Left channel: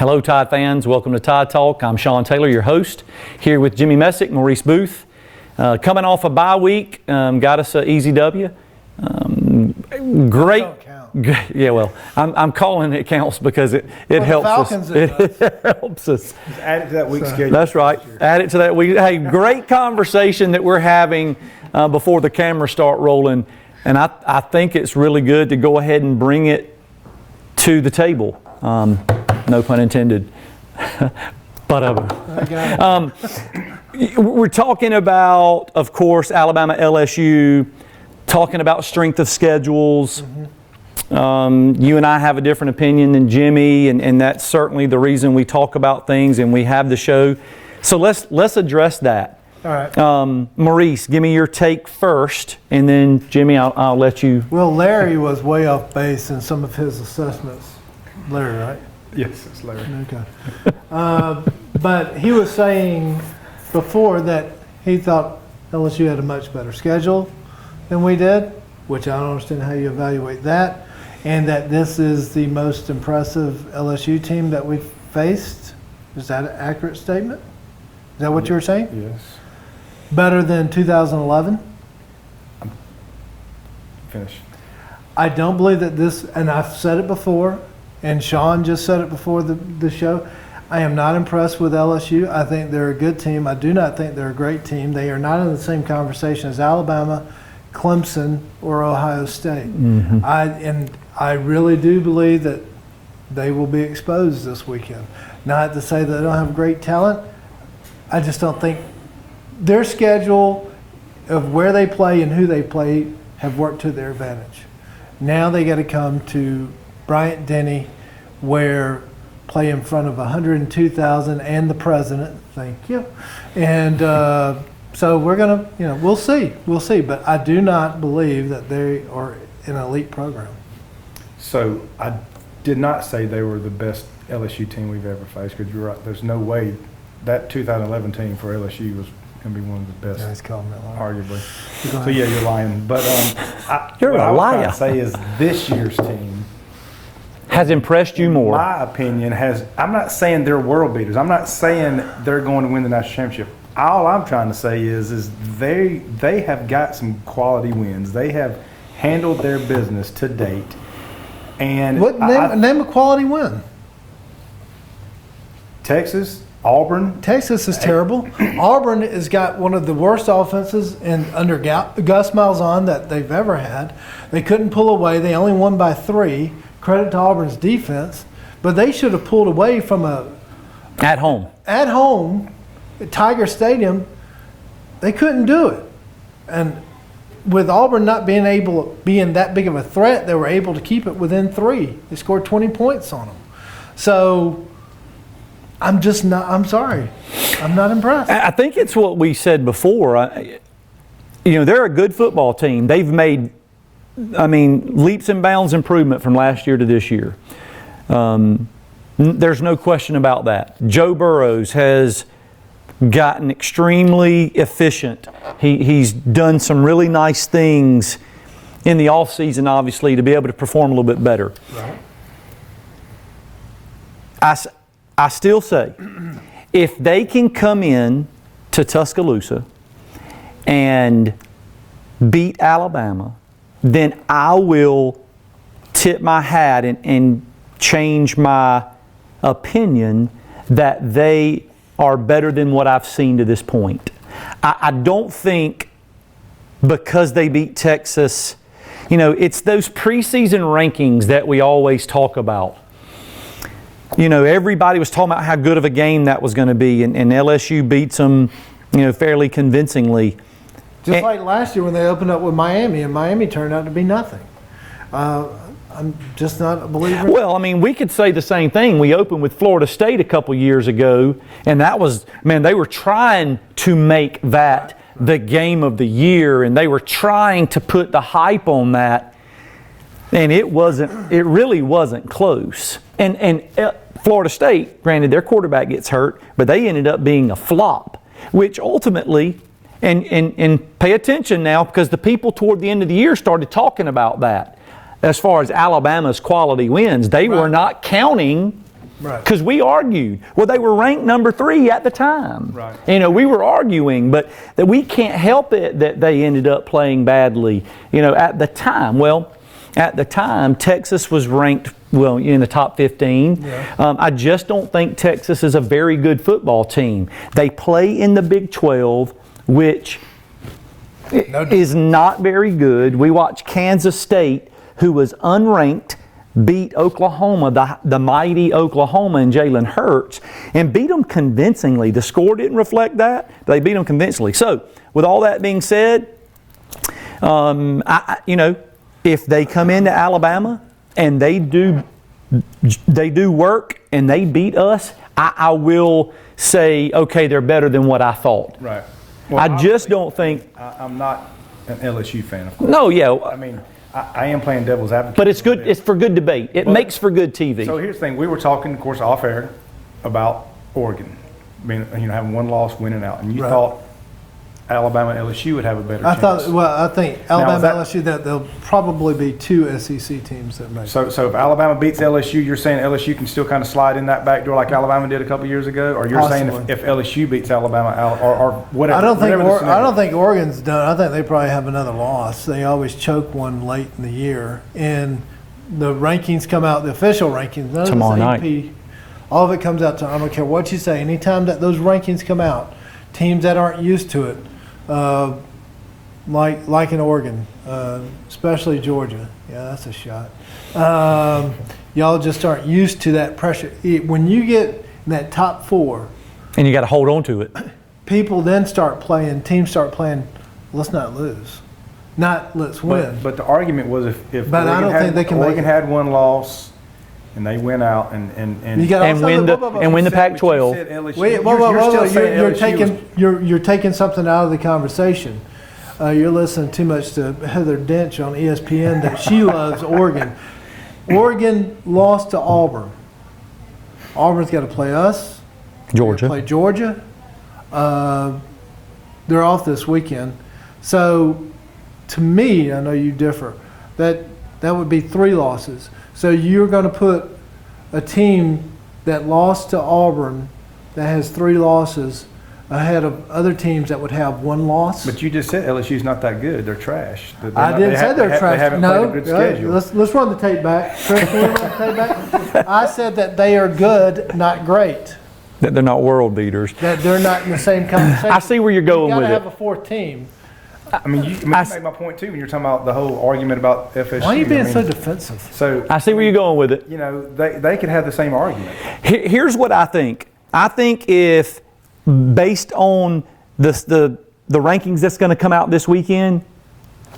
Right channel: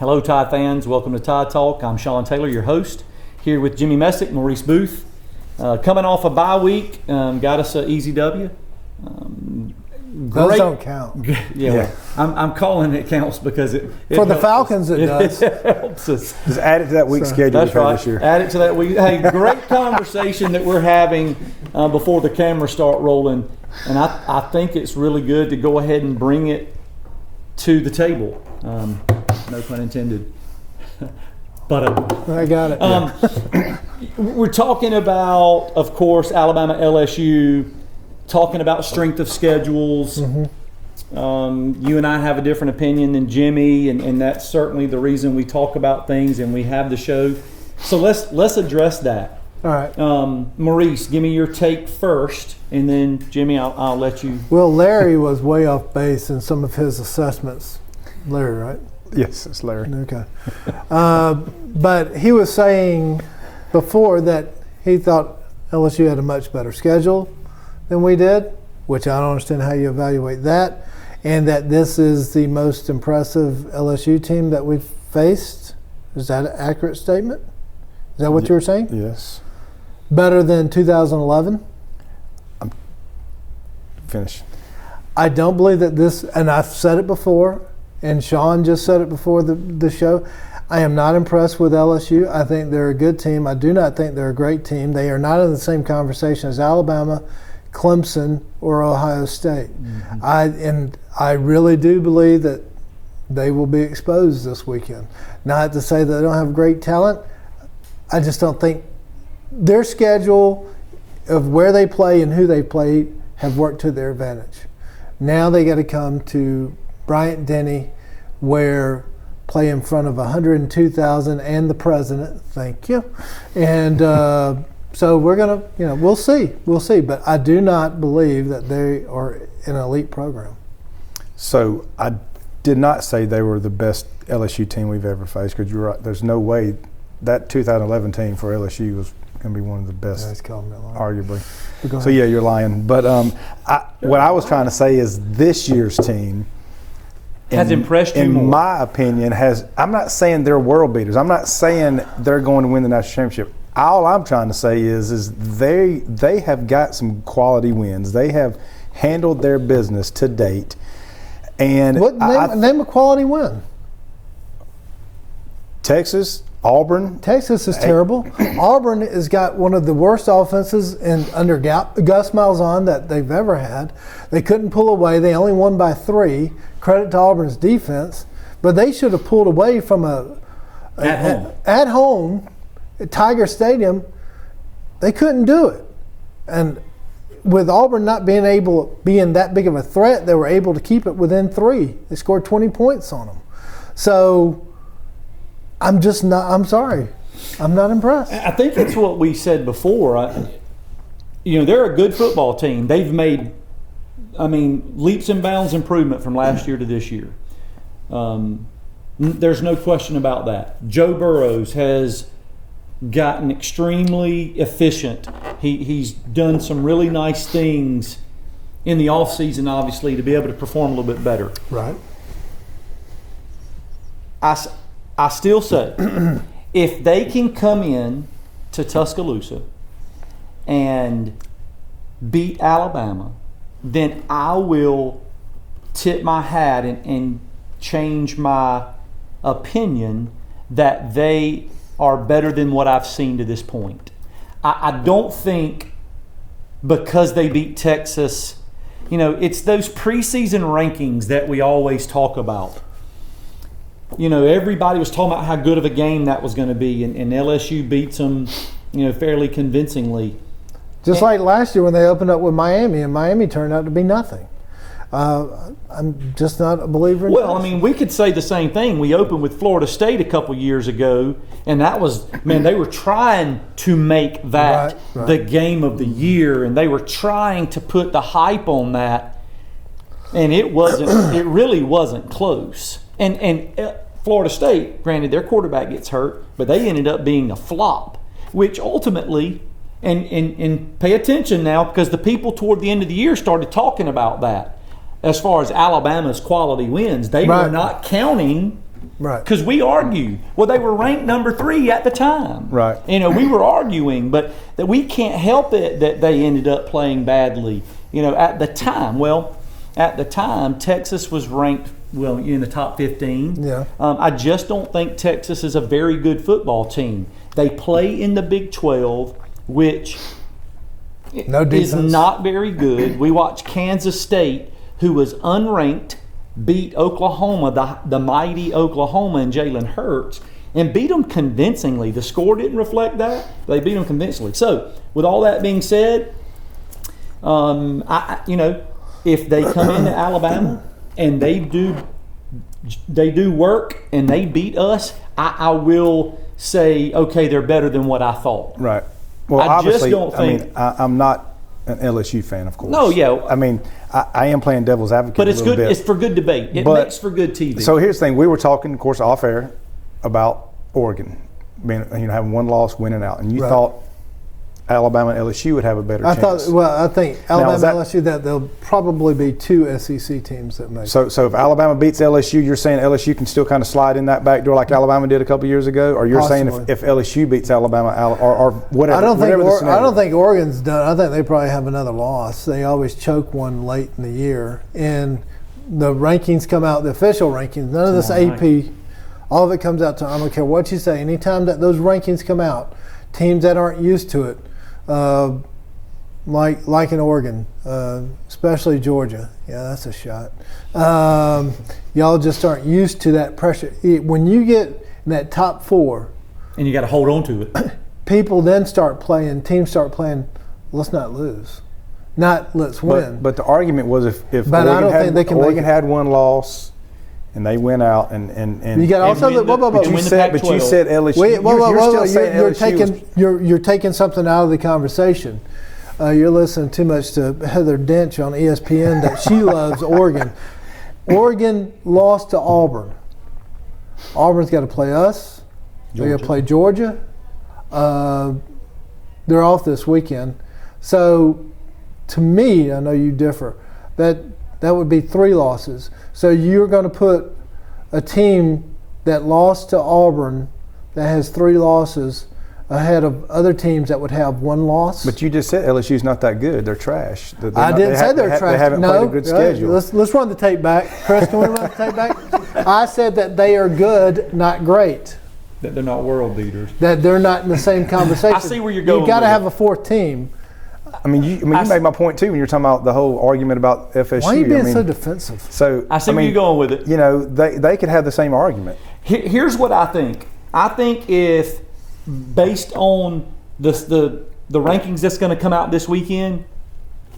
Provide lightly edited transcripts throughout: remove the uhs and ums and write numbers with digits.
Hello, Tide fans. Welcome to Tide Talk. I'm Sean Taylor, your host, here with Jimmy Messick, Maurice Booth. Coming off a bye week, got us an easy W. Great. Those don't count. Yeah, well, I'm calling it counts because it for helps the Falcons, us. it does. It helps us. Just add it to that week's schedule. That's right. This year. Add it to that week. Hey, great conversation that we're having before the cameras start rolling, and I think it's really good to go ahead and bring it to the table. No pun intended. But I got it. We're talking about, of course, Alabama, LSU, talking about strength of schedules. Mm-hmm. You and I have a different opinion than Jimmy, and that's certainly the reason we talk about things and we have the show. So let's address that. All right. Maurice, give me your take first, and then Jimmy, I'll let you. Well, Larry was way off base in some of his assessments. Larry, right? Yes, it's Larry. Okay. But he was saying before that he thought LSU had a much better schedule than we did, which I don't understand how you evaluate that, and that this is the most impressive LSU team that we've faced. Is that an accurate statement? Is that what you were saying? Yes. Better than 2011? Finish. I don't believe that this, and I've said it before, and Sean just said it before the show, I am not impressed with LSU. I think they're a good team. I do not think they're a great team. They are not in the same conversation as Alabama, Clemson, or Ohio State. Mm-hmm. I really do believe that they will be exposed this weekend. Not to say that they don't have great talent. I just don't think their schedule of where they play and who they play have worked to their advantage. Now they got to come to Bryant-Denny, where play in front of 102,000 and the president. Thank you. And so we're going to, we'll see. But I do not believe that they are an elite program. So I did not say they were the best LSU team we've ever faced, because you're right. There's no way that 2011 team for LSU was going to be one of the best, arguably. So, yeah, you're lying. But what I was trying to say is this year's team has impressed you more. In my opinion, I'm not saying they're world beaters. I'm not saying they're going to win the national championship. All I'm trying to say is they have got some quality wins. They have handled their business to date. And name a quality win. Texas, Auburn. Texas is terrible. Auburn has got one of the worst offenses under Gus Malzahn that they've ever had. They couldn't pull away. They only won by 3. Credit to Auburn's defense, but they should have pulled away from at home at Tiger Stadium. They couldn't do it, and with Auburn not being that big of a threat, they were able to keep it within 3. They scored 20 points on them. So I'm sorry, I'm not impressed. I think it's what we said before. They're a good football team. They've made leaps and bounds improvement from last year to this year. There's no question about that. Joe Burrows has gotten extremely efficient. He's done some really nice things in the offseason, obviously, to be able to perform a little bit better. Right. I still say, if they can come in to Tuscaloosa and beat Alabama, then I will tip my hat and change my opinion that they are better than what I've seen to this point. I don't think because they beat Texas, it's those preseason rankings that we always talk about. Everybody was talking about how good of a game that was going to be, and LSU beats them, fairly convincingly. Just like last year when they opened up with Miami, and Miami turned out to be nothing. I'm just not a believer. Well, we could say the same thing. We opened with Florida State a couple years ago, and that was, they were trying to make that the game of the year, and they were trying to put the hype on that, and it really wasn't close. And Florida State, granted, their quarterback gets hurt, but they ended up being a flop, which ultimately, and pay attention now, because the people toward the end of the year started talking about that. As far as Alabama's quality wins, they were not counting Right. Because we argued. Well, they were ranked number 3 at the time. Right. We were arguing, but that we can't help it that they ended up playing badly, at the time. Well, at the time, Texas was ranked, in the top 15. Yeah. I just don't think Texas is a very good football team. They play in the Big 12, which is not very good. We watched Kansas State, who was unranked, beat Oklahoma, the mighty Oklahoma and Jalen Hurts, and beat them convincingly. The score didn't reflect that. They beat them convincingly. So, with all that being said, if they come into Alabama and they do work and they beat us, I will say, okay, they're better than what I thought. Right. Well, I just don't think. I'm not an LSU fan, of course. No, yeah. I am playing devil's advocate. But it's a little good. bit. It's for good debate. It makes for good TV. So here's the thing: we were talking, of course, off air about Oregon, having one loss, winning out, and you thought Alabama, LSU would have a better chance. I think Alabama, LSU, that there'll probably be 2 SEC teams that make. So if Alabama beats LSU, you're saying LSU can still kind of slide in that back door like Alabama did a couple years ago, or you're saying if LSU beats Alabama or whatever. I don't think Oregon's done. I think they probably have another loss. They always choke one late in the year, and the rankings come out. The official rankings, none of this AP, all of it comes out to. I don't care what you say. Anytime that those rankings come out, teams that aren't used to it. Like in Oregon, especially Georgia. Yeah, that's a shot. Y'all just aren't used to that pressure. When you get in that top 4, and you got to hold on to it. People then teams start playing, let's not lose. Not let's win. But the argument was if but Oregon, I don't think they can Oregon had one loss and they went out and win the Pac-12. But you said LSU. You're taking something out of the conversation. You're listening too much to Heather Dench on ESPN that she loves Oregon. Oregon lost to Auburn. Auburn's got to play us. They're going to play Georgia. They're off this weekend. So, to me, I know you differ, that would be 3 losses. So you're going to put a team that lost to Auburn that has 3 losses ahead of other teams that would have 1 loss. But you just said LSU's not that good. They're trash. I didn't say they're trash. They haven't played a good schedule. Let's run the tape back. Chris, can we run the tape back? I said that they are good, not great. That they're not world beaters. That they're not in the same conversation. I see where you're going with it. You've got to have a 4th team. You made my point too when you're talking about the whole argument about FSU. Why are you being so defensive? So I see where you're going with it. They could have the same argument. Here's what I think. I think if based on the rankings that's going to come out this weekend,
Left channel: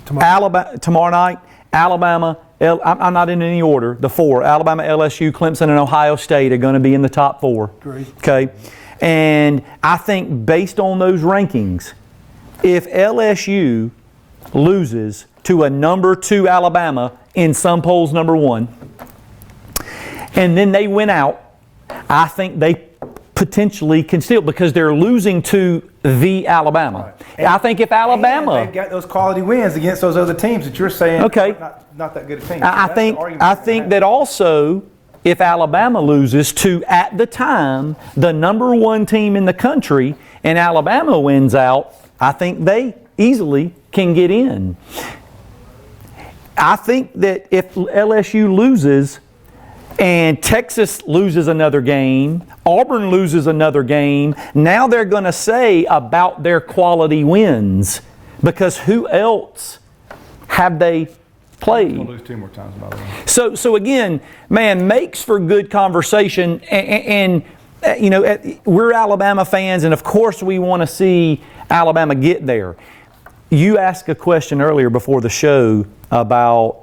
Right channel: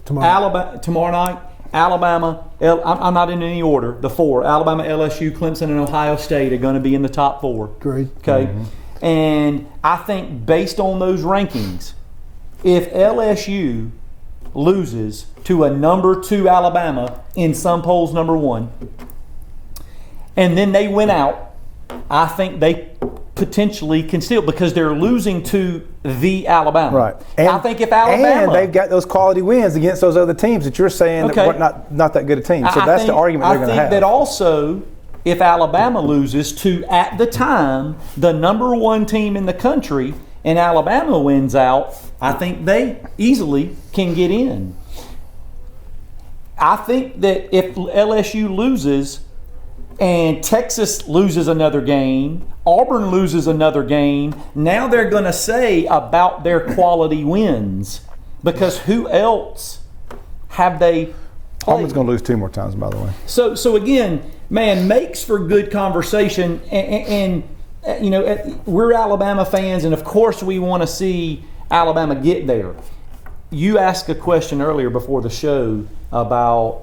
tomorrow night, Alabama. I'm not in any order. The 4: Alabama, LSU, Clemson, and Ohio State are going to be in the top 4. Great. Okay, and I think based on those rankings, if LSU loses to a number 2 Alabama, in some polls number 1, and then they win out, I think they potentially can still, because they're losing to the Alabama. Right. And I think if Alabama, and they've got those quality wins against those other teams that you're saying that not that good a team. So that's the argument they're going to have. I think that also, if Alabama loses to, at the time, the number 1 team in the country, and Alabama wins out, I think they easily can get in. I think that if LSU loses and Texas loses another game, Auburn loses another game, now they're going to say about their quality wins, because who else have they played? Auburn's going to lose 2 more times, by the way. So again, man, makes for good conversation, and we're Alabama fans, and of course we want to see Alabama get there. You asked a question earlier before the show about,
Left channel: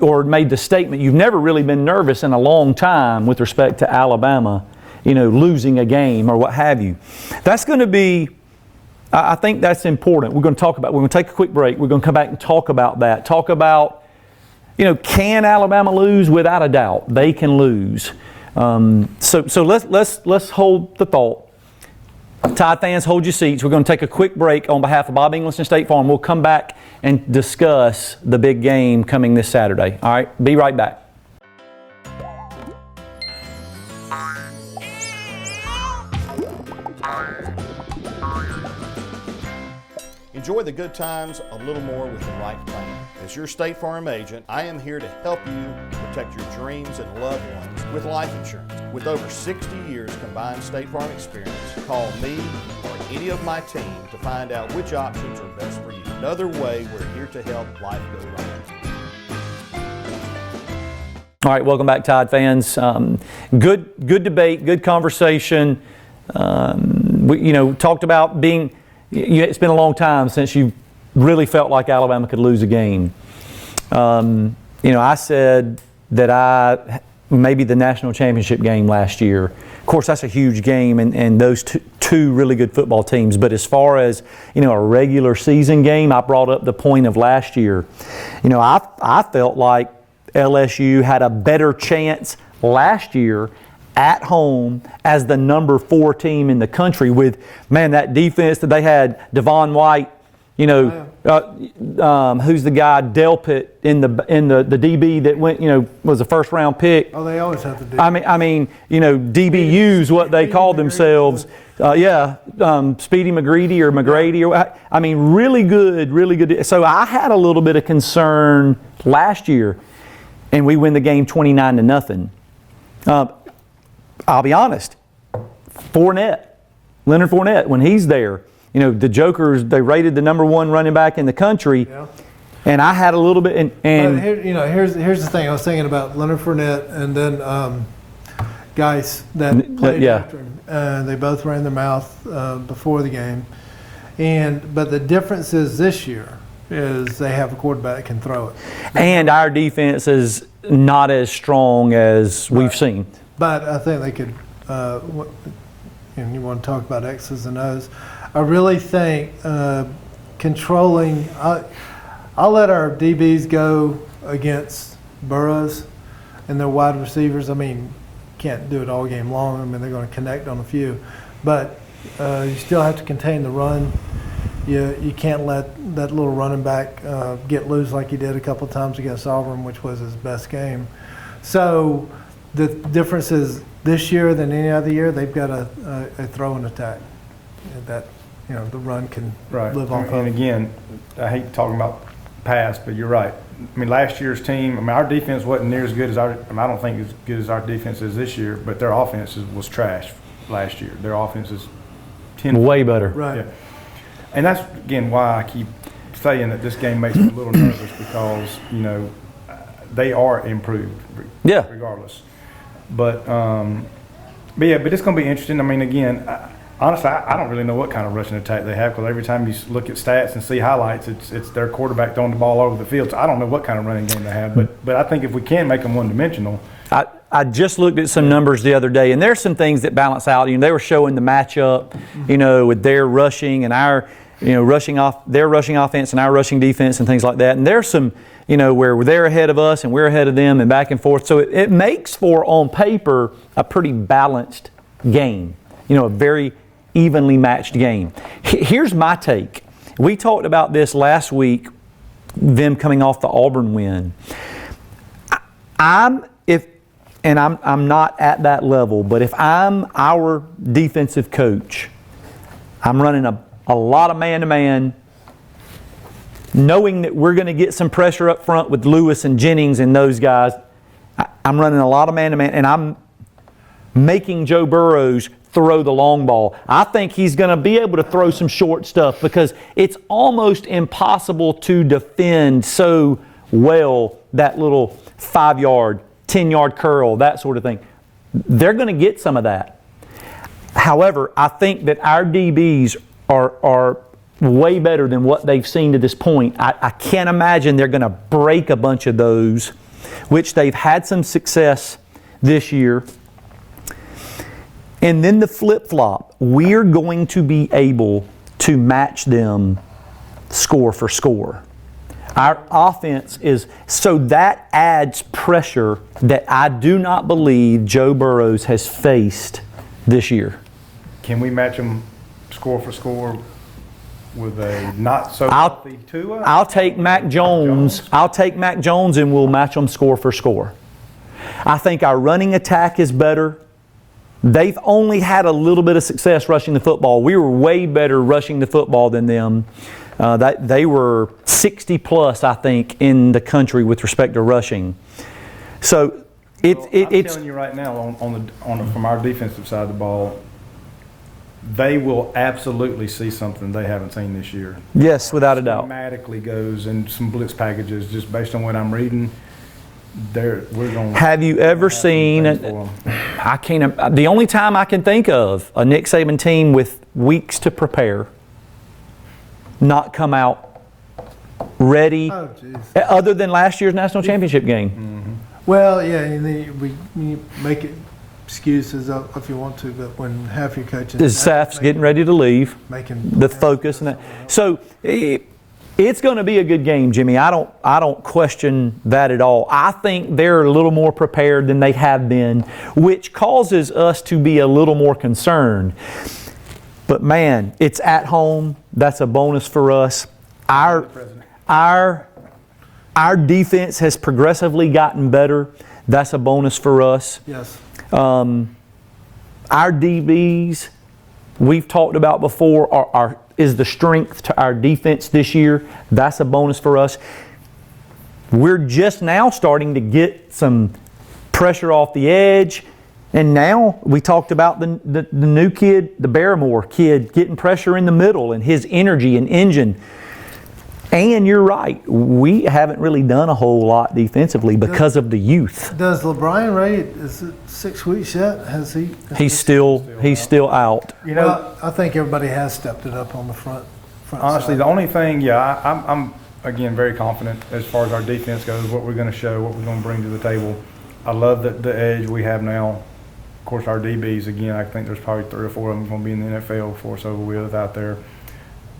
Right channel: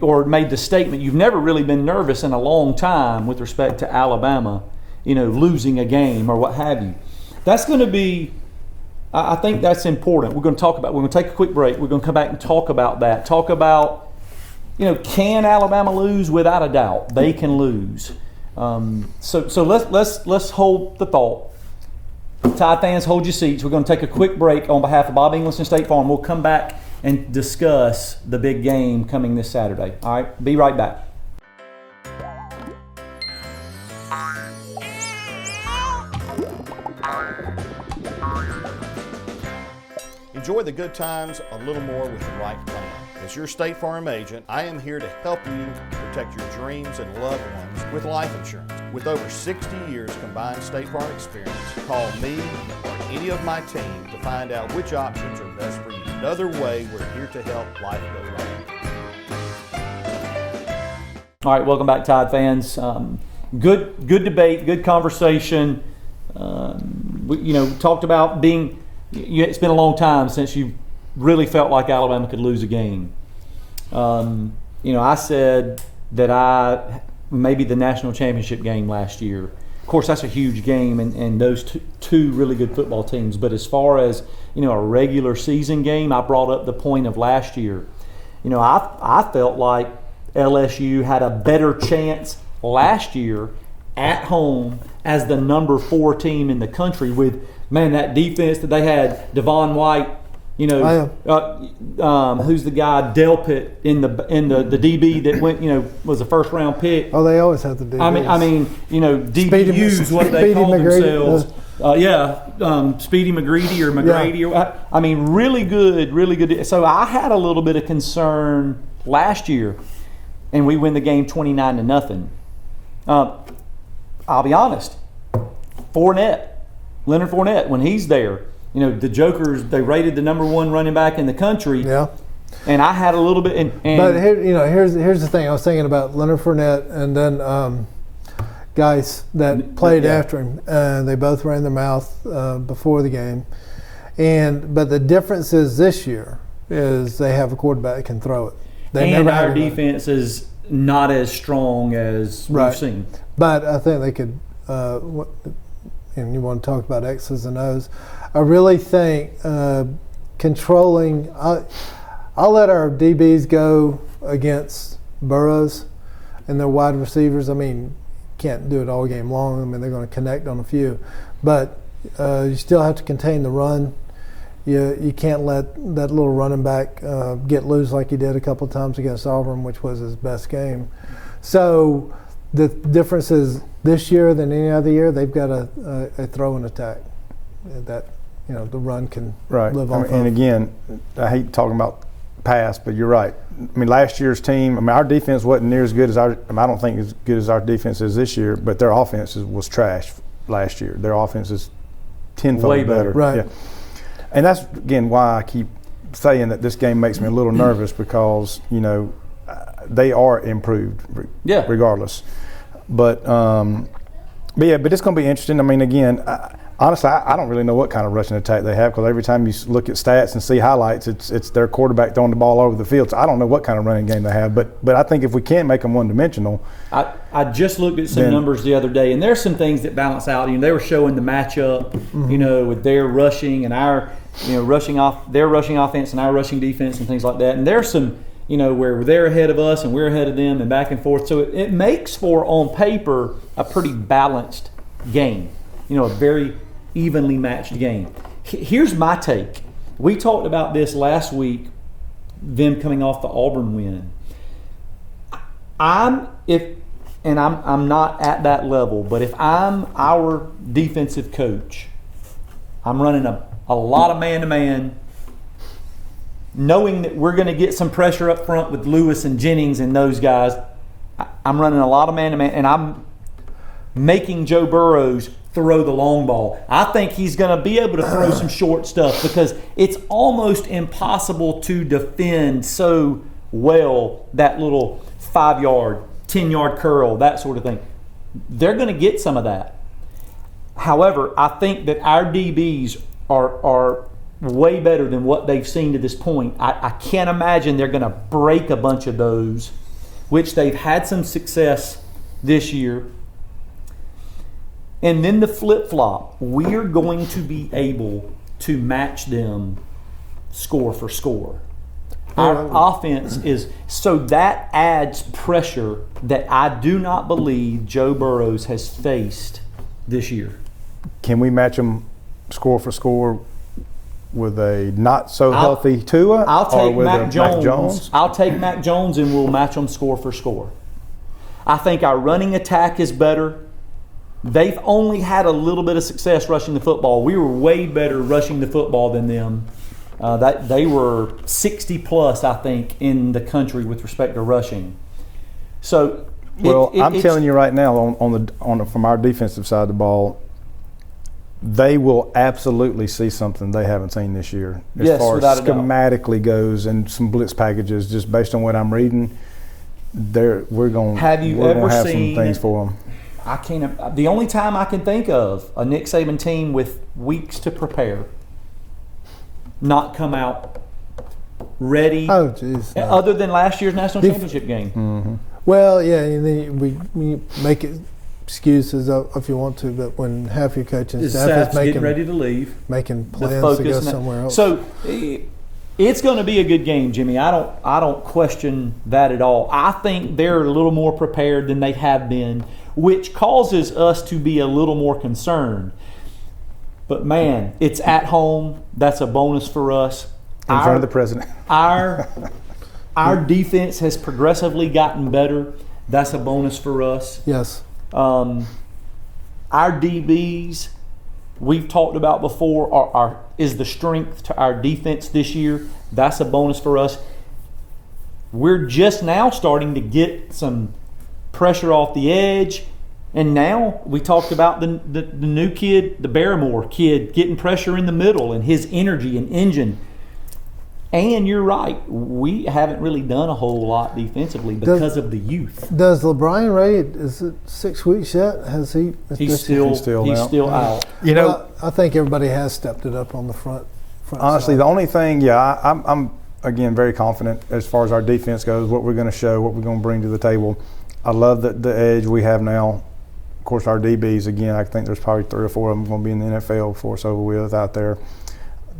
or made the statement, you've never really been nervous in a long time with respect to Alabama, losing a game or what have you. That's going to be, I think that's important. We're going to take a quick break. We're going to come back and talk about that. Talk about, can Alabama lose? Without a doubt, they can lose. So let's hold the thought. Tide fans, hold your seats. We're going to take a quick break on behalf of Bob Inglis and State Farm. We'll come back and discuss the big game coming this Saturday. All right, be right back. Enjoy the good times a little more with the right plan. As your State Farm agent, I am here to help you protect your dreams and loved ones with life insurance. With over 60 years combined State Farm experience, call me or any of my team to find out which options are best for you. Another way we're here to help life go right. All right, welcome back, Tide fans. Good debate, good conversation. We talked about being. It's been a long time since you really felt like Alabama could lose a game. I said that maybe the national championship game last year. Of course, that's a huge game, and those two really good football teams. But as far as a regular season game, I brought up the point of last year. I felt like LSU had a better chance last year at home as the number 4 team in the country with, that defense that they had. Devon White, who's the guy, Delpit in the DB that went, was a first round pick. Oh, they always have the DBs. DBUs, what they call themselves. Speedy McGreedy or McGrady. Yeah. Really good. So I had a little bit of concern last year, and we win the game 29-0. I'll be honest, Leonard Fournette, when he's there, the Jokers, they rated the number 1 running back in the country. Yeah. And I had a little bit. But here's the thing. I was thinking about Leonard Fournette and then guys that played after him. They both ran their mouth before the game. But the difference is this year is they have a quarterback that can throw it. And our defense is not as strong as we've seen. But I think they could, and you want to talk about X's and O's, I really think controlling, I'll let our DBs go against Burrows and their wide receivers. Can't do it all game long. They're going to connect on a few. But you still have to contain the run. You can't let that little running back get loose like he did a couple times against Auburn, which was his best game. So the difference is this year than any other year, they've got a throwing attack that the run can live off of. And again, I hate talking about past, but you're right. Last year's team, our defense wasn't near as good as I don't think as good as our defense is this year, but their offense was trash last year. Their offense is tenfold way better. Right. Yeah. And that's, again, why I keep saying that this game makes me a little nervous because, they are improved regardless. But it's going to be interesting. Again, honestly, I don't really know what kind of rushing attack they have because every time you look at stats and see highlights, it's their quarterback throwing the ball over the field. So I don't know what kind of running game they have. But I think if we can make them one-dimensional. I just looked at some numbers the other day, and there's some things that balance out. They were showing the matchup, with their rushing and our, their rushing offense and our rushing defense and things like that. And there's some, where they're ahead of us and we're ahead of them and back and forth. So it makes for, on paper, a pretty balanced game, a very evenly matched game. Here's my take. We talked about this last week, them coming off the Auburn win. I'm not at that level, but if I'm our defensive coach, I'm running a lot of man-to-man, knowing that we're going to get some pressure up front with Lewis and Jennings and those guys. I'm running a lot of man-to-man, and I'm making Joe Burrows throw the long ball. I think he's going to be able to throw some short stuff because it's almost impossible to defend so well that little 5-yard, 10-yard curl, that sort of thing. They're going to get some of that. However, I think that our DBs are way better than what they've seen to this point. I can't imagine they're going to break a bunch of those, which they've had some success this year. And then the flip-flop, we're going to be able to match them score for score. Our offense is, so that adds pressure that I do not believe Joe Burrows has faced this year. Can we match them score for score with a not so healthy Tua? I'll take Mac Jones. I'll take Mac Jones and we'll match them score for score. I think our running attack is better They've only had a little bit of success rushing the football. We were way better rushing the football than them. They were 60 plus, I think, in the country with respect to rushing. So, I'm telling you right now, from our defensive side of the ball, they will absolutely see something they haven't seen this year. Yes, as far without as a doubt. schematically goes, and some blitz packages, just based on what I'm reading. We're going. Have you ever have seen? I can't. The only time I can think of a Nick Saban team with weeks to prepare, not come out ready. Oh, jeez. Other than last year's national championship game. Mm-hmm. Well, yeah, and then we make excuses if you want to, but when half your coaching staff is getting ready to leave, making the plans focus, to go somewhere else. So it's going to be a good game, Jimmy. I don't question that at all. I think they're a little more prepared than they have been, which causes us to be a little more concerned. But man, it's at home. That's a bonus for us. In front of the president. Our defense has progressively gotten better. That's a bonus for us. Yes. Our DBs, we've talked about before, is the strength to our defense this year. That's a bonus for us. We're just now starting to get some pressure off the edge. And now we talked about the new kid, the Barrymore kid, getting pressure in the middle and his energy and engine. And you're right, we haven't really done a whole lot defensively because of the youth. Does LeBron Ray, is it 6 weeks yet? Has he? He's still out. You know, Well, I think everybody has stepped it up on the front honestly, side. the only thing, I'm again very confident as far as our defense goes, what we're going to show, what we're going to bring to the table. I love the edge we have now. Of course, our DBs, again, I think there's probably 3 or 4 of them going to be in the NFL before it's over with out there.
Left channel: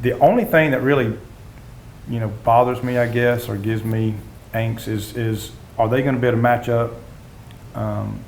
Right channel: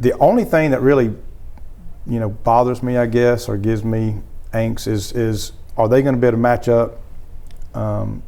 The only thing that really bothers me, I guess, or gives me angst is are they going to be able to match up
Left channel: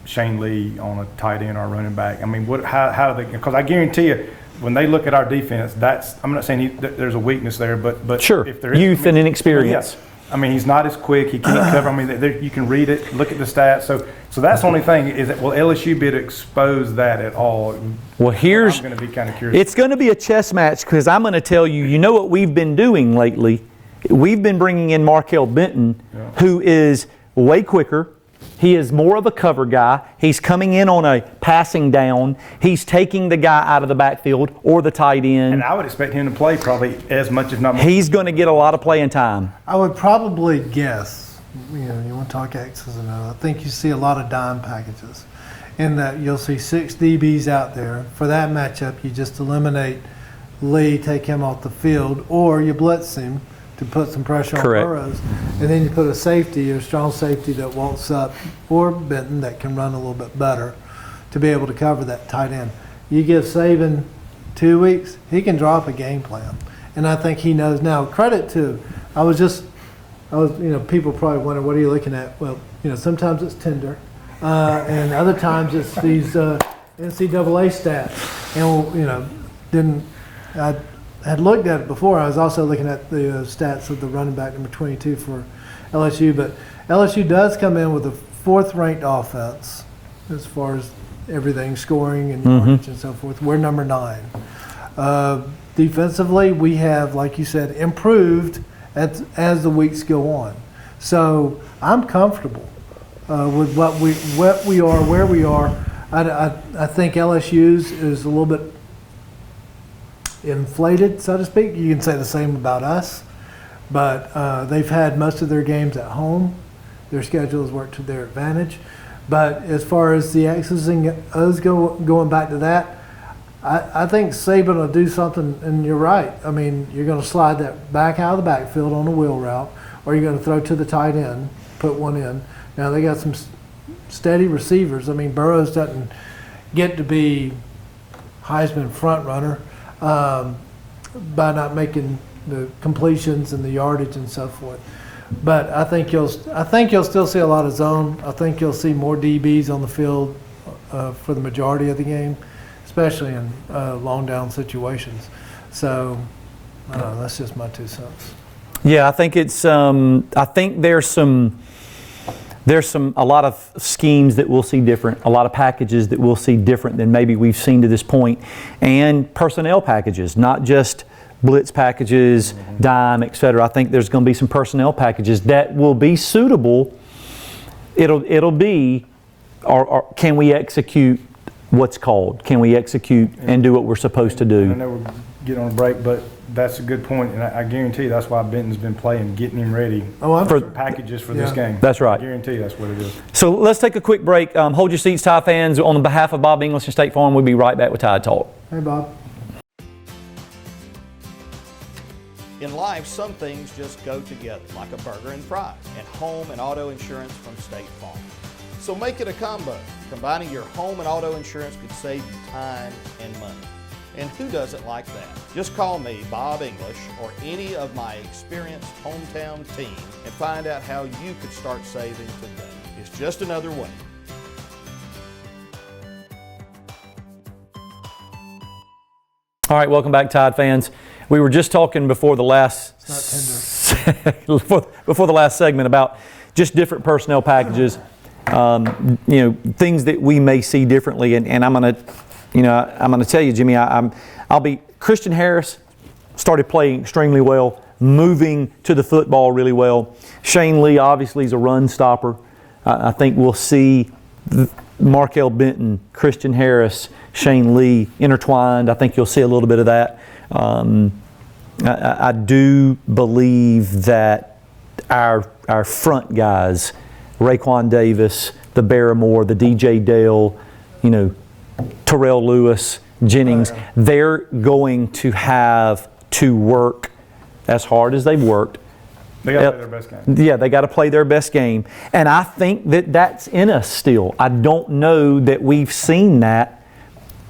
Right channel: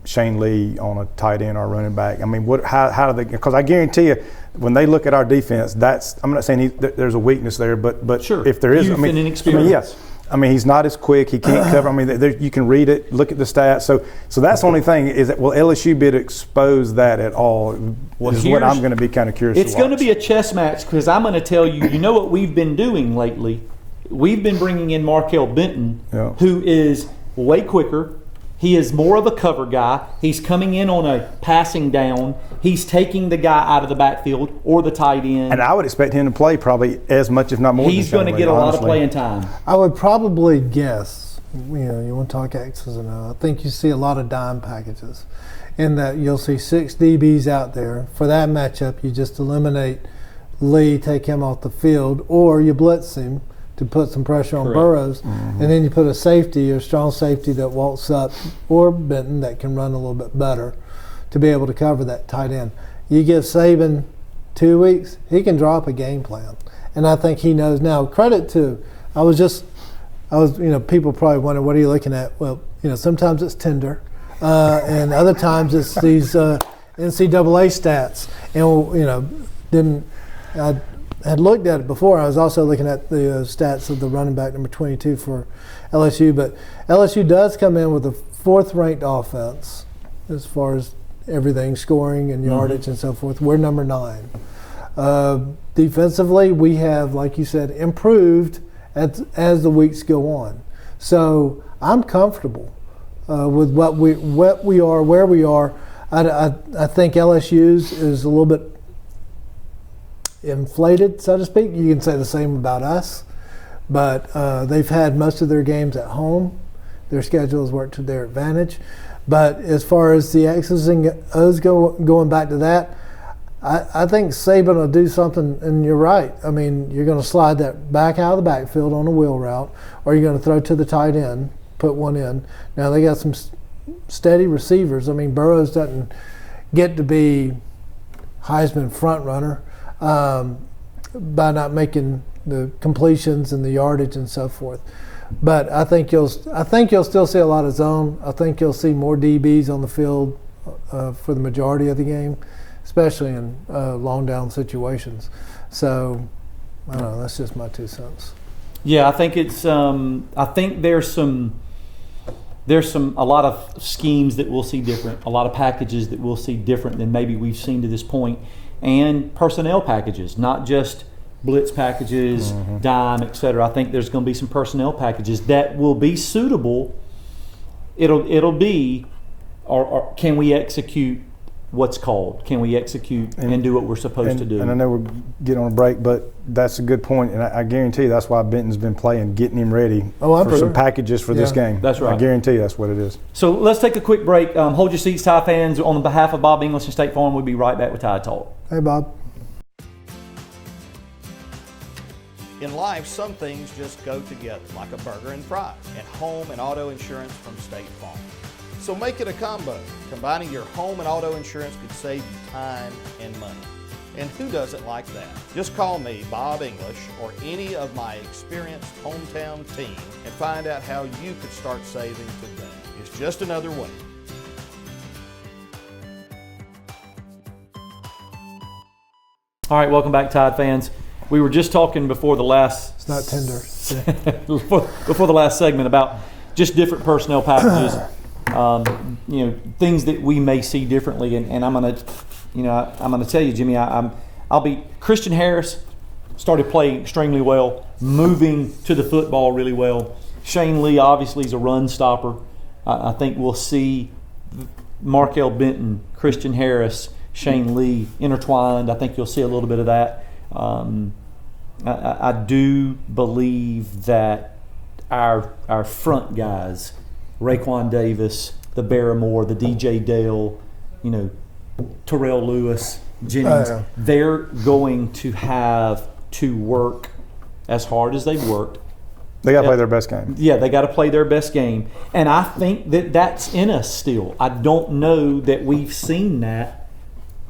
Shane Lee on a tight end or a running back? I mean, how do they? Because I guarantee you, when they look at our defense, I'm not saying there's a weakness there, but sure, if there is, youth and inexperience. I mean, he's not as quick. He can't cover. I mean, you can read it, look at the stats. So that's the only thing is that will LSU be able to expose that at all? Well, I'm going to be kind of curious. It's going to be a chess match because I'm going to tell you. You know what we've been doing lately? We've been bringing in Markel Benton, who is way quicker. He is more of a cover guy. He's coming in on a passing down. He's taking the guy out of the backfield or the tight end. And I would expect him to play probably as much, if not more. He's going to get a lot of playing time. I would probably guess, you want to talk X's and O's. I think you see a lot of dime packages in that you'll see 6 DBs out there. For that matchup, you just eliminate Lee, take him off the field, or you blitz him to put some pressure on Burrows. And then you put a safety or strong safety that walks up, or Benton that can run a little bit better to be able to cover that tight end. You give Saban 2 weeks, he can drop a game plan. And I think he knows now. Credit to, people probably wonder, what are you looking at? Well, sometimes it's Tinder, and other times it's these NCAA stats. And, I had looked at it before. I was also looking at the stats of the running back number 22 for LSU. But LSU does come in with a 4th-ranked offense as far as everything, scoring and yardage and so forth. We're number 9. Defensively, we have, like you said, improved as the weeks go on. So I'm comfortable with what we are, where we are. I think LSU's is a little bit inflated, so to speak. You can say the same about us, but they've had most of their games at home. Their schedule has worked to their advantage. But as far as the X's and O's going back to that, I think Saban will do something, and you're right. I mean, you're going to slide that back out of the backfield on a wheel route, or you're going to throw to the tight end, put one in. Now, they got some steady receivers. I mean, Burrows doesn't get to be Heisman front runner by not making the completions and the yardage and so forth. But I think you'll still see a lot of zone. I think you'll see more DBs on the field for the majority of the game, especially in long down situations. So I don't know. That's just my 2 cents. Yeah, I think it's. I think there's some. there's a lot of schemes that we'll see different, a lot of packages that we'll see different than maybe we've seen to this point, and personnel packages, not just blitz packages, dime, etc. I think there's going to be some personnel packages that will be suitable. It'll be, or can we execute what's called? Can we execute and do what we're supposed to do? And I know we're getting on a break, but that's a good point, and I guarantee you that's why Benton's been playing, getting him ready for some packages for this game. That's right. I guarantee you that's what it is. So let's take a quick break. Hold your seats, Tide fans. On behalf of Bob English and State Farm, we'll be right back with Tide Talk. Hey, Bob. In life, some things just go together, like a burger and fries, and home and auto insurance from State Farm. So make it a combo. Combining your home and auto insurance could save you time and money. And who doesn't like that? Just call me, Bob English, or any of my experienced hometown team and find out how you could start saving today. It's just another way. All right, welcome back, Tide fans. We were just talking before the last It's not tender. before the last segment about just different personnel packages, things that we may see differently. And I'm gonna tell you, Jimmy, Christian Harris started playing extremely well, moving to the football really well. Shane Lee obviously is a run stopper. I think we'll see Markel Benton, Christian Harris, Shane Lee intertwined. I think you'll see a little bit of that. I do believe that our front guys, Raekwon Davis, the Barrymore, the DJ Dale, Terrell Lewis, Jennings, they're going to have to work as hard as they've worked. They got to play their best game. Yeah, they got to play their best game. And I think that that's in us still. I don't know that we've seen that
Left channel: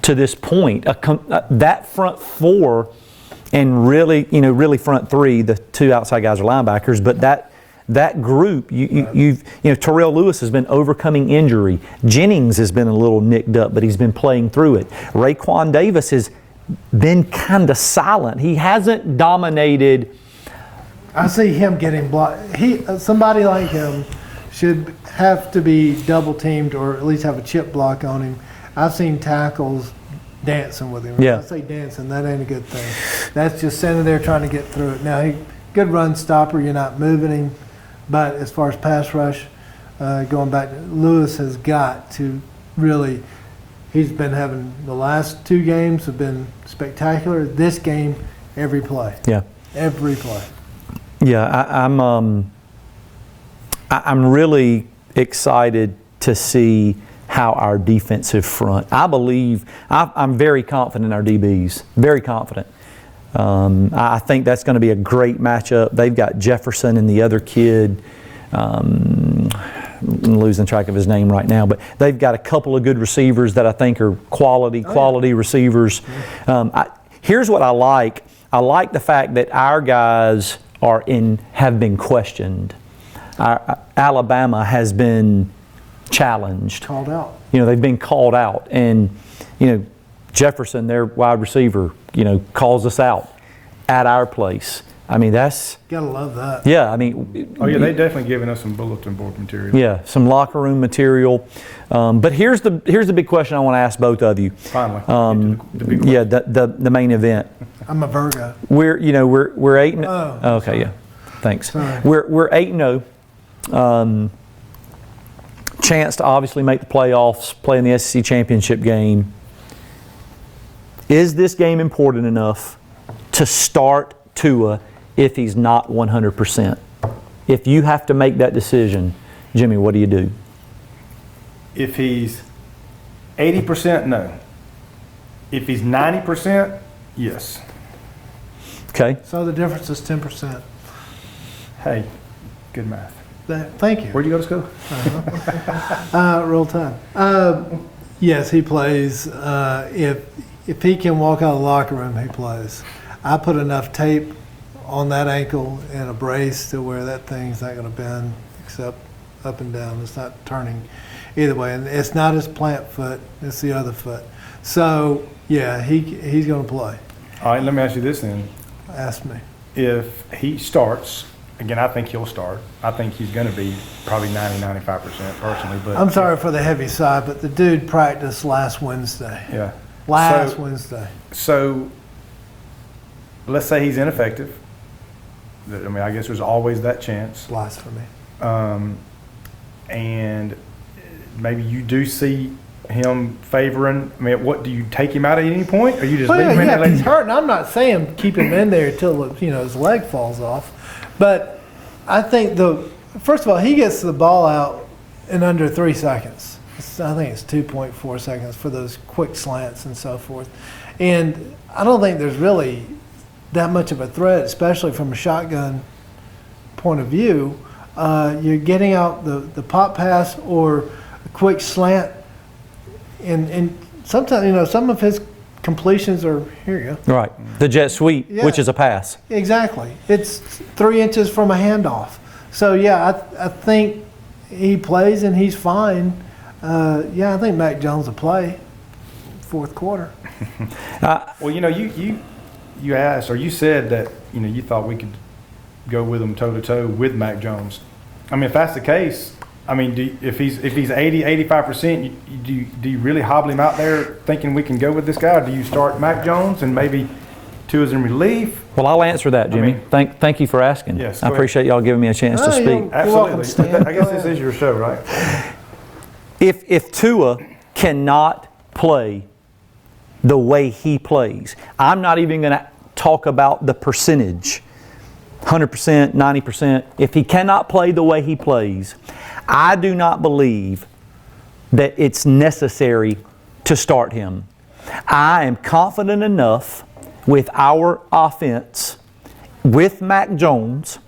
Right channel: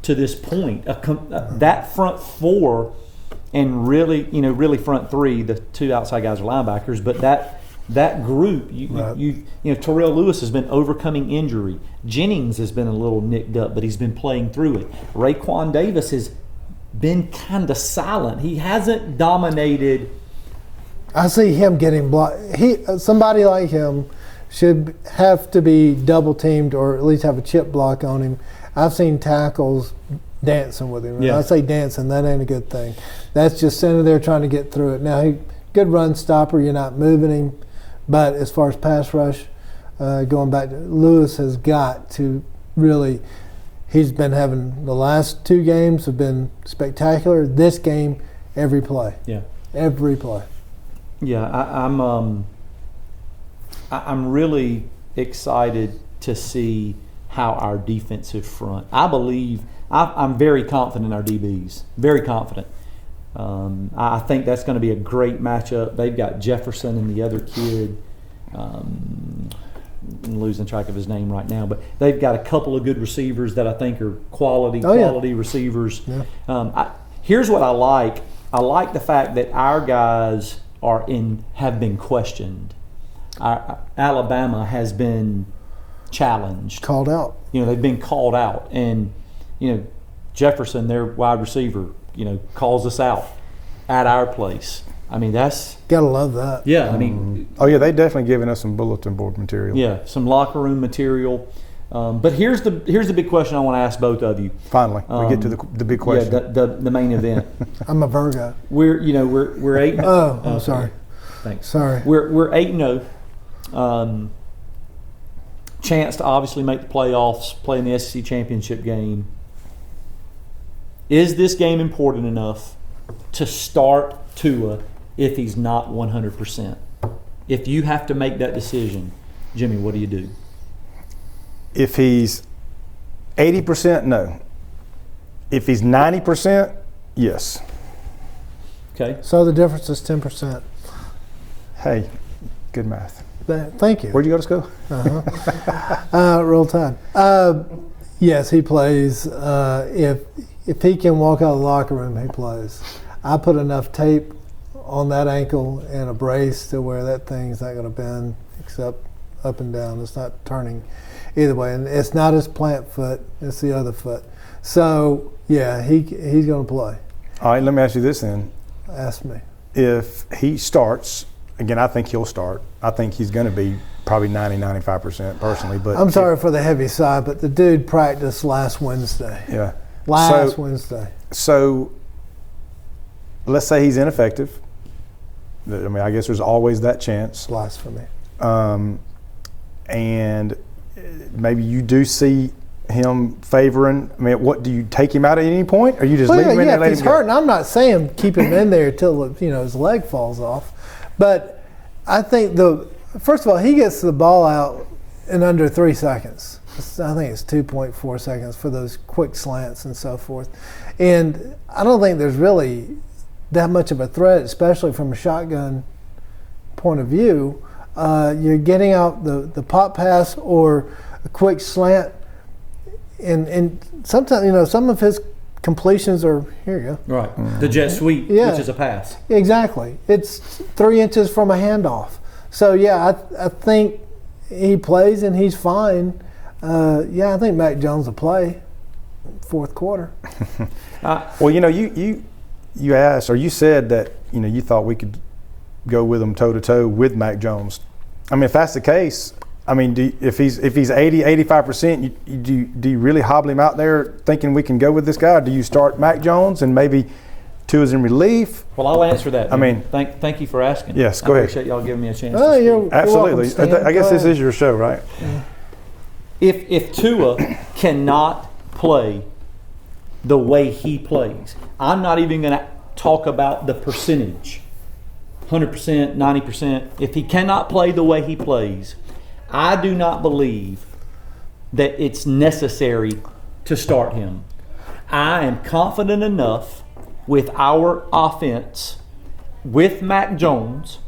to this point. That front four and really front three, the two outside guys are linebackers, but that group, Terrell Lewis has been overcoming injury. Jennings has been a little nicked up, but he's been playing through it. Raekwon Davis has been kind of silent. He hasn't dominated. I see him getting blocked. Somebody like him should have to be double teamed or at least have a chip block on him. I've seen tackles dancing with him. Yeah. When I say dancing, that ain't a good thing. That's just standing there trying to get through it. Now, good run stopper. You're not moving him. But as far as pass rush, going back, Lewis has got to really – he's been having – the last two games have been spectacular. This game, every play. Yeah. Every play. Yeah, I'm really excited to see how our defensive front. I believe I'm very confident in our DBs. Very confident. I think that's going to be a great matchup. They've got Jefferson and the other kid. I'm losing track of his name right now, but they've got a couple of good receivers that I think are quality receivers. Yeah. Here's what I like. I like the fact that our guys have been questioned. Alabama has been challenged. Called out. They've been called out. And, Jefferson, their wide receiver, calls us out at our place. I mean, that's... Gotta love that. Yeah, I mean... Oh, yeah, they've definitely given us some bulletin board material. Yeah, some locker room material. But here's the big question I want to ask both of you. Finally, we get to the big question. Yeah, the main event. I'm a Virgo. We're 8-0. Oh, okay, sorry. yeah. Thanks. Sorry. We're 8-0. Chance to obviously make the playoffs, play in the SEC championship game. Is this game important enough to start Tua if he's not 100%? If you have to make that decision, Jimmy, what do you do? If he's 80%, no. If he's 90%, yes. Okay. So the difference is 10%. Hey, good math. Thank you. Where'd you go to school? Roll Tide. Yes, he plays. If he can walk out of the locker room, he plays. I put enough tape on that ankle and a brace to where that thing's not going to bend except up and down. It's not turning either way. And it's not his plant foot. It's the other foot. So, yeah, he's going to play. All right, let me ask you this then. Ask me. If he starts again, I think he'll start. I think he's going to be probably 90-95% personally. But I'm sorry for the heavy side, but the dude practiced last Wednesday. Yeah. Last Wednesday. So let's say he's ineffective. I mean, I guess there's always that chance. Blasphemy. And maybe you do see him favoring. I mean, what do you take him out at any point, or you just leave him in there? Yeah, if he's hurt, and I'm not saying keep him in there until his leg falls off, but I think first of all, he gets the ball out in under 3 seconds. I think it's 2.4 seconds for those quick slants and so forth, and I don't think there's really that much of a threat, especially from a shotgun point of view. You're getting out the pop pass or a quick slant. And sometimes, some of his completions are, here you go. Right. The jet sweep, which is a pass. Exactly. It's 3 inches from a handoff. So, I think he plays and he's fine. I think Mac Jones will play fourth quarter. Well, you asked, or you said that, you thought we could go with him toe-to-toe with Mac Jones. I mean, if that's the case, I mean, if he's 80-85%, do you really hobble him out there thinking we can go with this guy? Or do you start Mac Jones and maybe Tua's in relief? Well, I'll answer that, Jimmy. I mean, thank you for asking. Yes, I appreciate y'all giving me a chance to speak. Absolutely. I guess this is your show, right? If Tua cannot play the way he plays, I'm not even going to talk about the percentage, 100%, 90%. If he cannot play the way he plays, I do not believe that it's necessary to start him. I am confident enough with our offense, with Mac Jones,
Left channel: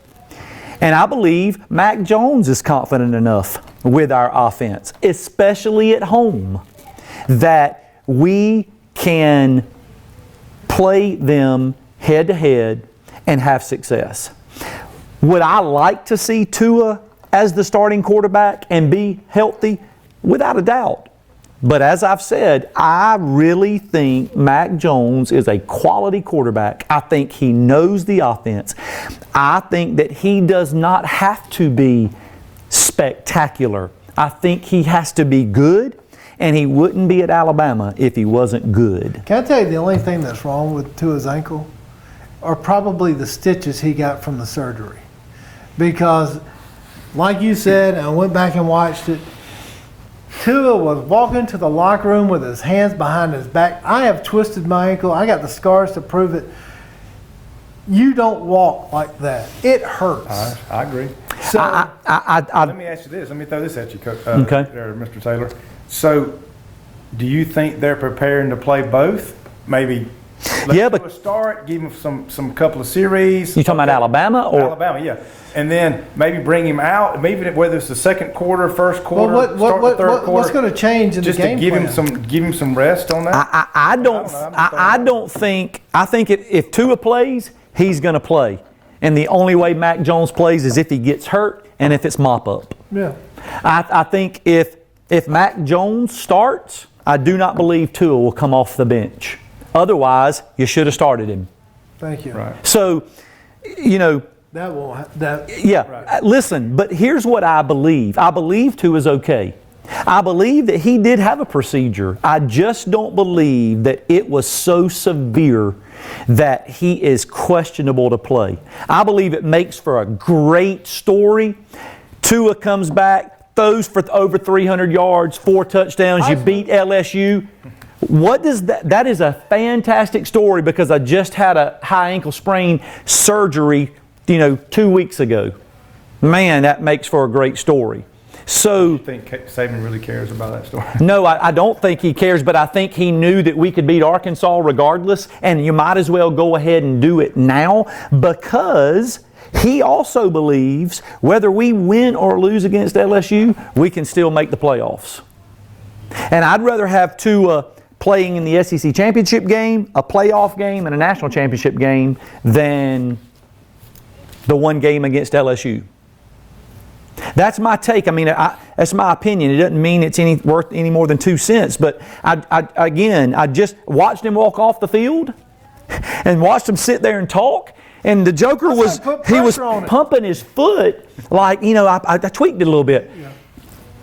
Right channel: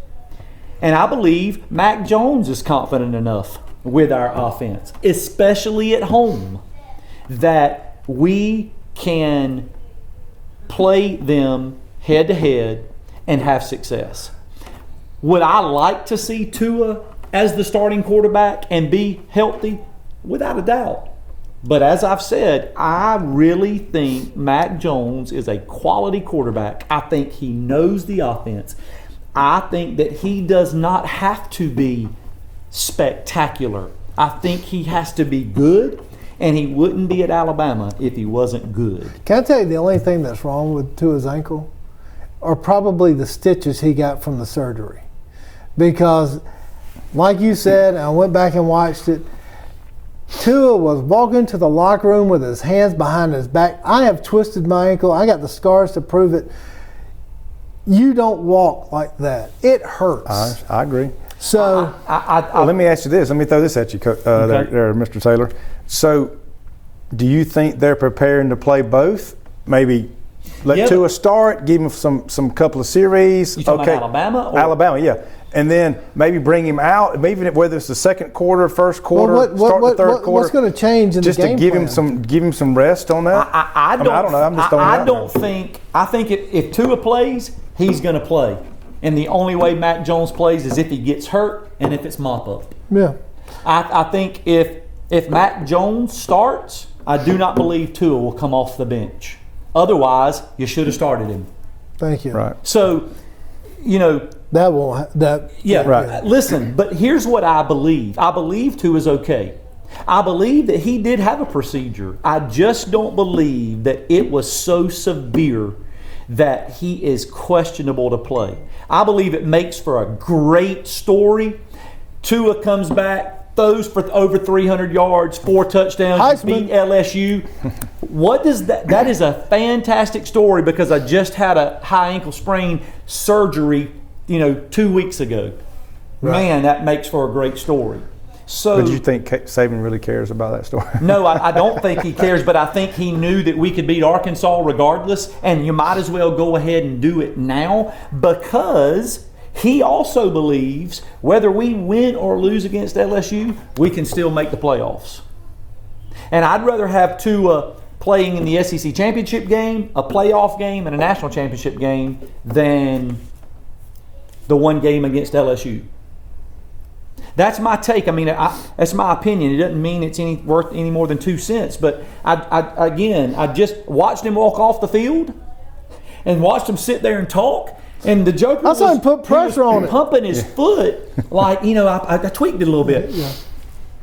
and I believe Mac Jones is confident enough with our offense, especially at home, that we can play them head-to-head and have success. Would I like to see Tua as the starting quarterback and be healthy? Without a doubt. But as I've said, I really think Mac Jones is a quality quarterback. I think he knows the offense. I think that he does not have to be spectacular. I think he has to be good, and he wouldn't be at Alabama if he wasn't good. Can I tell you the only thing that's wrong with Tua's ankle are probably the stitches he got from the surgery. Because like you said, I went back and watched it, Tua was walking to the locker room with his hands behind his back. I have twisted my ankle. I got the scars to prove it. You don't walk like that. It hurts. I agree. So let me ask you this. Let me throw this at you, there, Mr. Taylor. So do you think they're preparing to play both? Maybe let Tua start, give him some couple of series. You talking about Alabama? Alabama, yeah. And then maybe bring him out, maybe whether it's the second quarter, first quarter, start the third quarter. What's going to change in the game plan? Just to give him some rest on that? I don't know. I think if Tua plays, he's going to play. And the only way Mac Jones plays is if he gets hurt and if it's mop-up. Yeah. I think if Mac Jones starts, I do not believe Tua will come off the bench. Otherwise, you should have started him. Thank you. Right. So, that won't. Right. Listen, but here's what I believe. I believe Tua is okay. I believe that he did have a procedure. I just don't believe that it was so severe that he is questionable to play. I believe it makes for a great story. Tua comes back, throws for over 300 yards, 4 touchdowns. Heisman. You beat LSU. What does that is a fantastic story because I just had a high ankle sprain surgery 2 weeks ago. Right. Man, that makes for a great story. So, do you think Saban really cares about that story? No, I don't think he cares, but I think he knew that we could beat Arkansas regardless, and you might as well go ahead and do it now because he also believes whether we win or lose against LSU, we can still make the playoffs. And I'd rather have Tua playing in the SEC championship game, a playoff game, and a national championship game than the one game against LSU. That's my take. I mean, that's my opinion. It doesn't mean it's worth any more than 2 cents. But I just watched him walk off the field and watched him sit there and talk. And the Joker I saw him was put he was pressure on it. pumping his foot like, you know, I tweaked it a little bit. Yeah.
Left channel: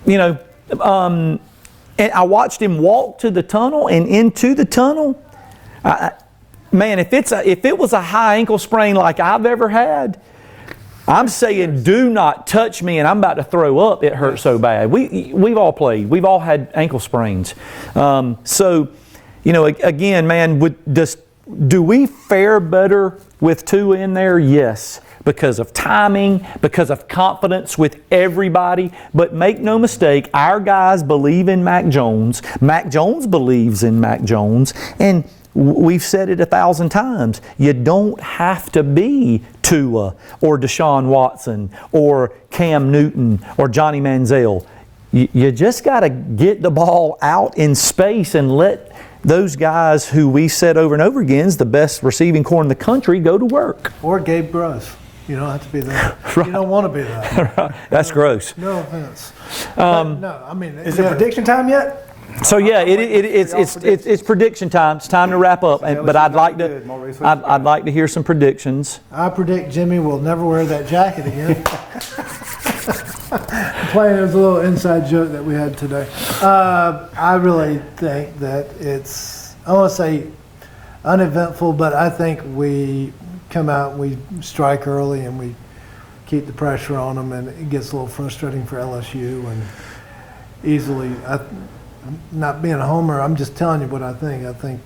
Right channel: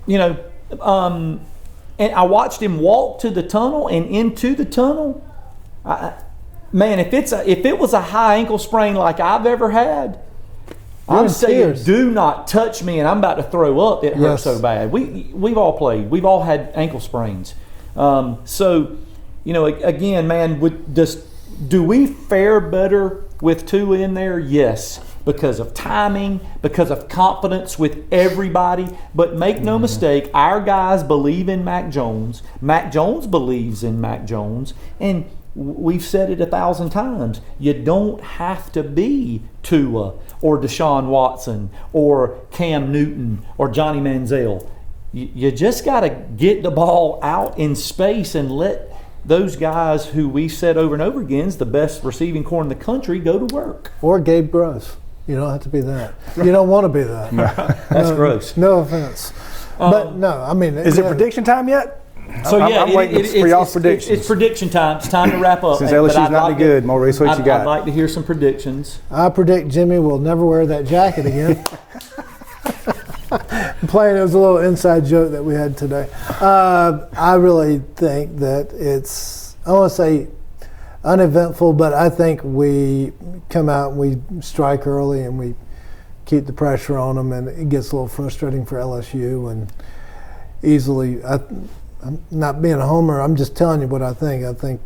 You know, and I watched him walk to the tunnel and into the tunnel. Man, if it was a high ankle sprain like I've ever had, I'm saying tears. do not touch me, and I'm about to throw up. It hurts so bad. We've all played. We've all had ankle sprains. So, you know, again, man, do we fare better with Tua in there? Yes, because of timing, because of confidence with everybody. But make no mistake, our guys believe in Mac Jones. Mac Jones believes in Mac Jones, and we've said it 1,000 times. You don't have to be Tua or Deshaun Watson or Cam Newton or Johnny Manziel. You just got to get the ball out in space and let those guys who we said over and over again is the best receiving corps in the country go to work. Or Gabe Bruss. You don't have to be that. You don't want to be that. That's gross. No offense. But no, I mean. Is it prediction time yet? So yeah, I'm waiting for y'all's predictions. it's prediction time. It's time to wrap up. Since LSU's not good, Maurice, what you got? I'd like to hear some predictions. I predict Jimmy will never wear that jacket again. Playing as a little inside joke that we had today. I really think that it's, I want to say uneventful, but I think we come out and we strike early and we keep the pressure on them, and it gets a little frustrating for LSU and easily. I'm not being a homer. I'm just telling you what I think. I think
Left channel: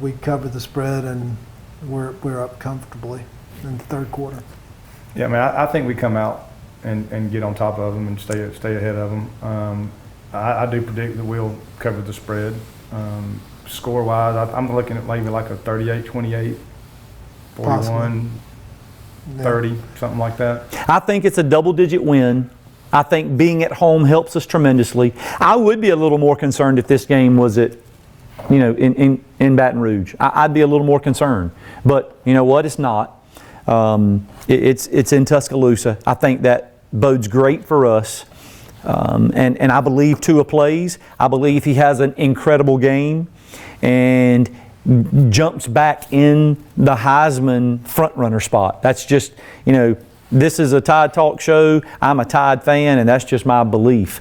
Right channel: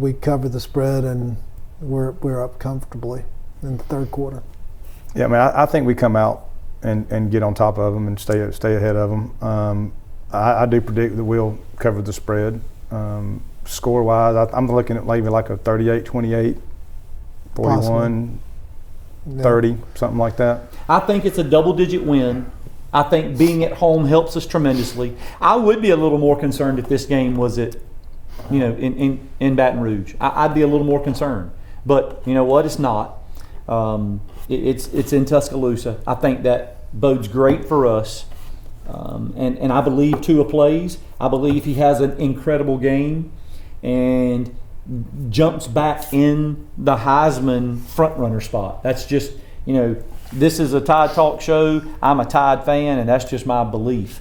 we cover the spread and we're up comfortably in the third quarter. Yeah, I mean, I think we come out and get on top of them and stay ahead of them. I do predict that we'll cover the spread. Score-wise, I'm looking at maybe like a 38-28, 41, 30, something like that. I think it's a double-digit win. I think being at home helps us tremendously. I would be a little more concerned if this game was at, you know, in Baton Rouge. I'd be a little more concerned. But you know what? It's not. It's in Tuscaloosa. I think that bodes great for us. And I believe Tua plays. I believe he has an incredible game and jumps back in the Heisman frontrunner spot. That's just, you know, this is a Tide Talk show. I'm a Tide fan, and that's just my belief.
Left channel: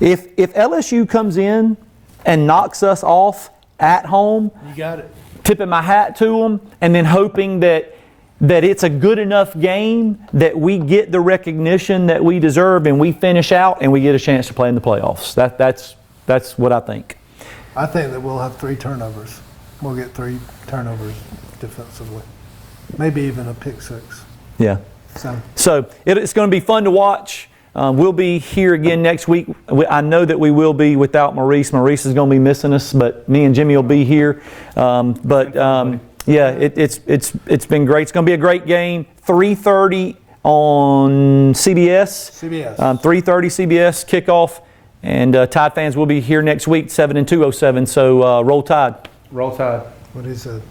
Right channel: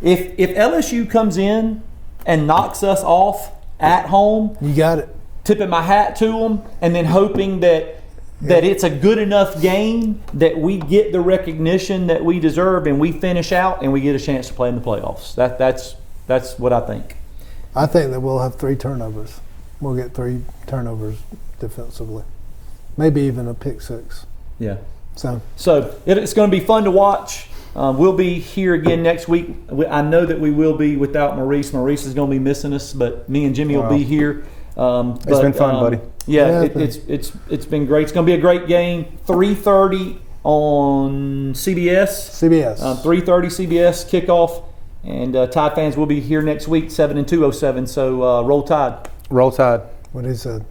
If LSU comes in and knocks us off at home, You got it. tipping my hat to them, and then hoping that it's a good enough game that we get the recognition that we deserve and we finish out and we get a chance to play in the playoffs. That's what I think. I think that we'll have 3 turnovers. We'll get 3 turnovers defensively. Maybe even a pick 6. Yeah. So it's going to be fun to watch. We'll be here again next week. I know that we will be without Maurice. Maurice is going to be missing us, but me and Jimmy will be here. It's been fun, buddy. Yeah, it's been great. It's going to be a great game. 3:30 on CBS. 3:30 CBS kickoff, and Tide fans will be here next week, 7 and 207. So roll Tide. Roll Tide. what he said.